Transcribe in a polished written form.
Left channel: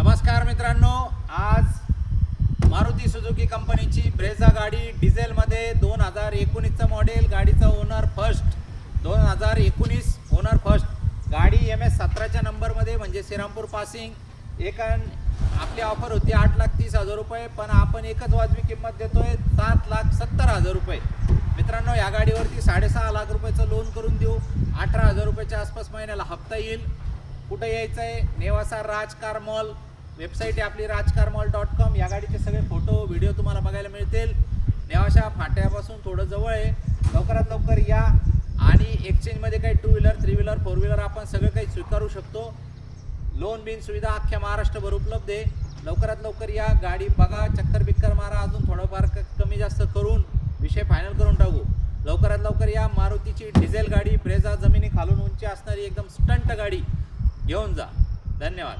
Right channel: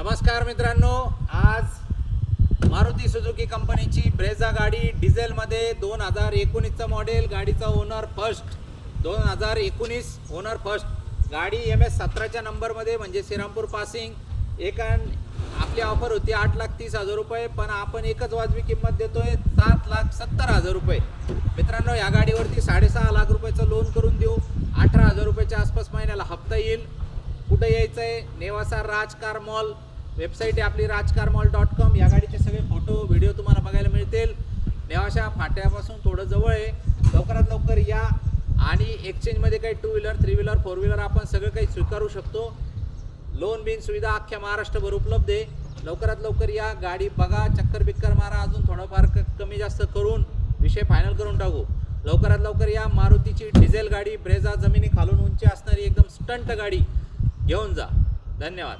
नमस्कार मित्रांनो, आज मारुती सुझुकी कंपनीची ब्रेझा गाडी डिझेलमध्ये 2019चं मॉडेल, गाडीचा ओनर फर्स्ट 2019 ओनर फर्स्ट गाडी MS17च्या नंबरमध्ये म्हणजे श्रीरामपूर पासिंग। आपली ऑफर होती 8,30,000 रुपये, पण आपण एकच वाजवी किंमत देतोय 7,70,000 रुपये। मित्रांनो, या गाडीवरती 6.5 लाख रुपयाचं लोन करून देऊ। 18,000 रुपयाच्या आसपास महिन्याला हप्ता येईल। कुठे यायचं आहे? नेवासा राजकार मॉल, वेबसाईट आहे आपली rajkarmall.com। या गाडीचे सगळे फोटो व्हिडिओ तुम्हाला बघायला मिळतील। नेवासा फाट्यापासून थोडं जवळ आहे। लवकरात लवकर या आणि एक्सचेंजमध्ये काही 2 व्हीलर 3 व्हीलर 4 व्हीलर आपण सगळं काही स्वीकारू शकतो। लोन बिन सुविधा अख्ख्या महाराष्ट्रभर उपलब्ध आहे। लवकरात लवकर या, गाडी बघा, चक्कर बिक्कर मारा, अजून थोडंफार कमी जास्त करून विषय फायनल करून टाकू। लवकरात लवकर या। मारुतीची डिझेल गाडी ब्रेझा, जमिनी खालून उंची असणारी एकदम स्टंट गाडी घेऊन जा। धन्यवाद।